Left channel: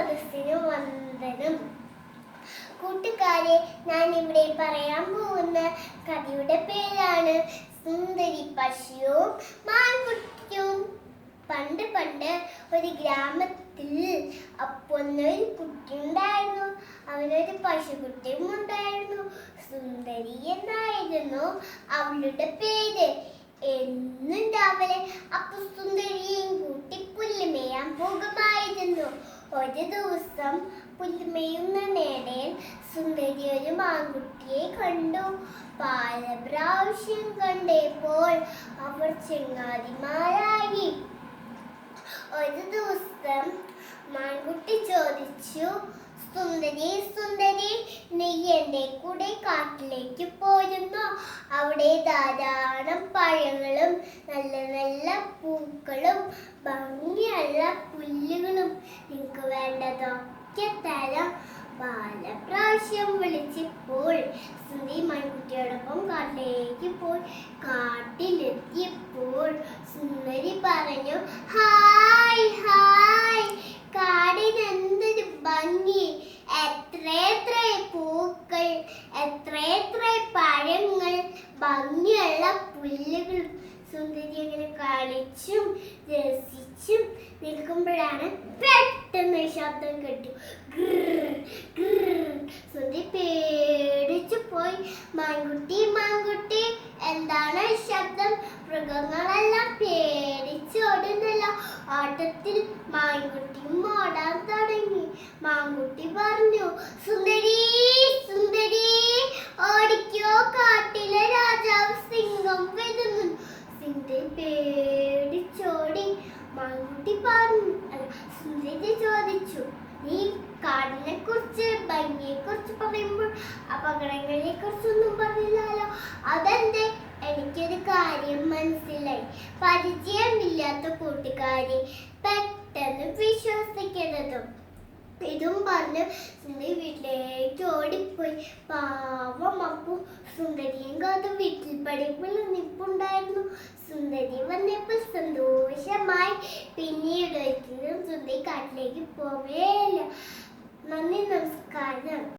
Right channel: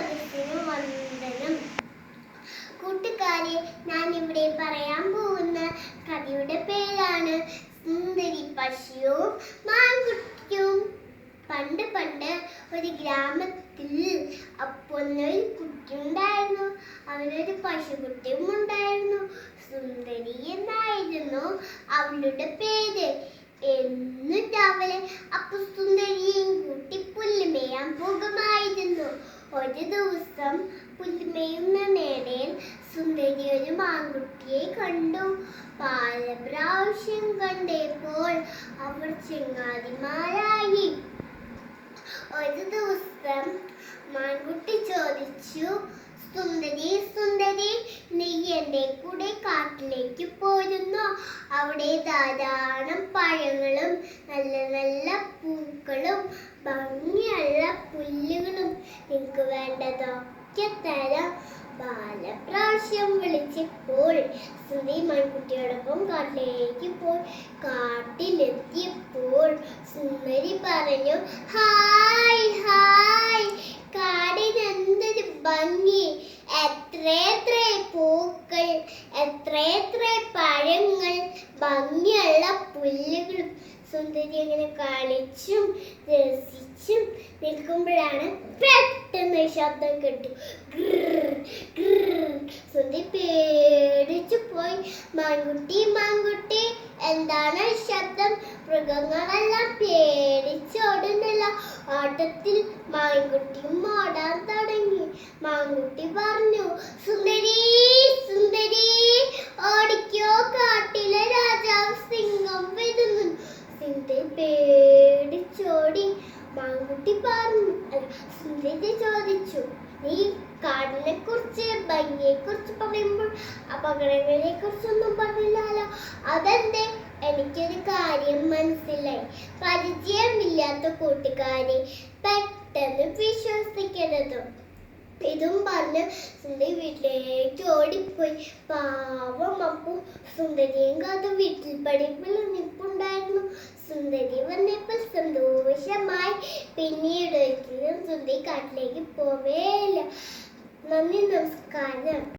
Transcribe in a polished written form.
സദസ്സിനു വന്ദനം. കൂട്ടുകാരെ, ഞാൻ ഇവിടെ പറയാൻ പോകുന്ന കഥയുടെ പേരാണ് സുന്ദരി പശുവും മാൻകുട്ടിയും. പണ്ട് പണ്ട് ഒരു ഗ്രാമത്തിൽ ഒരു കുട്ടി ഉണ്ടായിരുന്നു. അവനൊരു പശുക്കുട്ടിയും ഉണ്ടായിരുന്നു. സുന്ദരി എന്നായിരുന്നു അവളുടെ പേര്. എന്നും രാവിലെ സുന്ദരിയും കൂട്ടി പുല്ലുമേയാൻ പോകുമായിരുന്നു. ഒരു ദിവസം പുല്ലുമേയുന്ന നേടയിൽ സുന്ദരി ഒരു മാൻകുട്ടിയെ കണ്ടു. പല പ്രാവശ്യം കണ്ടപ്പോൾ അവർ ചങ്ങാതിമാരായി. ഒരു ദിവസം മാൻകുട്ടി ചോദിച്ചു, സുന്ദരി സുന്ദരി, നീ എന്റെ കൂടെ കാട്ടിലേക്ക് പോരുന്നോ? അവിടെ ധാരാളം പഴങ്ങളും നല്ല നല്ല പൂക്കളും ഭംഗിയുള്ള പുല്ലുകളും നിനക്ക് വേണ്ടതൊക്കെ തരാം. പല പ്രാവശ്യം വിളിച്ചപ്പോൾ സുന്ദരി മാൻകുട്ടിയോടൊപ്പം കാട്ടിലേക്ക് പോയി. കാട്ടിലെത്തിയപ്പോൾ സുന്ദരി പറഞ്ഞു, ഹായ് ഹായ്, കാടിന് എന്തൊരു ഭംഗി! എത്ര പൂക്കൾ, എത്ര പഴങ്ങൾ, ഭംഗിയുള്ള പുല്ലുകൾ. സുന്ദരി അങ്ങനെ കളിച്ചും രസിച്ചും നിൽക്കുമ്പോഴാണ് പെട്ടെന്ന് ശബ്ദം കേട്ടു. സുന്ദരി പേടിച്ചു പോയി. മാൻകുട്ടി മാൻകുട്ടി, എന്താണ് ശബ്ദം? മൃഗങ്ങളെല്ലാം പേടിച്ചോടുന്നല്ലോ. ഓട്ടത്തിൽ മാൻകുട്ടിയും ഓടാൻ തുടങ്ങി. മാൻകുട്ടി പറഞ്ഞു, സുന്ദരി സുന്ദരി, ഓടിക്കോ, കാട്ടിലെ രാജാവ് സിംഹം വരുന്നു. സുന്ദരി പേടിച്ചോടി. മാൻകുട്ടി സുന്ദരി ചോദിച്ചു, നീ കാടിനെ കുറിച്ച് ഭംഗിയെ കുറിച്ച് പറയുമ്പോൾ അപകടങ്ങളെ കുറിച്ചൊന്നും പറഞ്ഞില്ലല്ലോ, അതെന്തേ? എനിക്കൊരു കാര്യം മനസ്സിലായി. പരിചയമില്ലാത്ത കൂട്ടുകാരെ പെട്ടെന്ന് വിശ്വസിക്കരുതും. ഇതും പറഞ്ഞ് സുന്ദരി വീട്ടിലേക്ക് ഓടിപ്പോയി. പാവം അപ്പു സുന്ദരിയും കാത്ത് വീട്ടിൽ പഠിപ്പിൽ നിൽപ്പുണ്ടായിരുന്നു. സുന്ദരി വന്നപ്പോൾ സന്തോഷമായി. പിന്നീട് ഒരിക്കലും സുന്ദരി കാട്ടിലേക്ക് പോവേയില്ല. നന്ദി, നമസ്കാരം.